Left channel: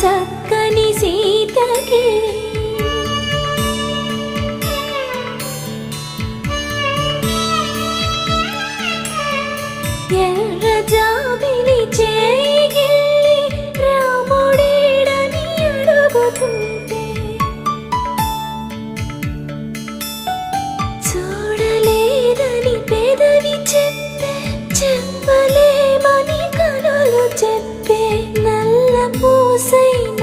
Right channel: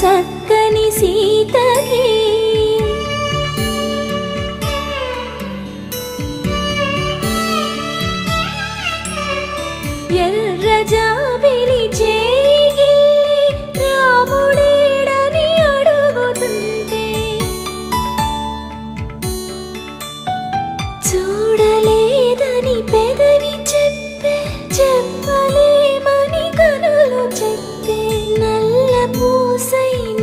చక్కని సీతకి ఎర్ర జాబిలి చేయి రాముడేడని అడుగుతుంటే చూడలేదని పెదవి చెప్పే చెప్పలేమని కనులు చెప్పే నల్ల పూసైన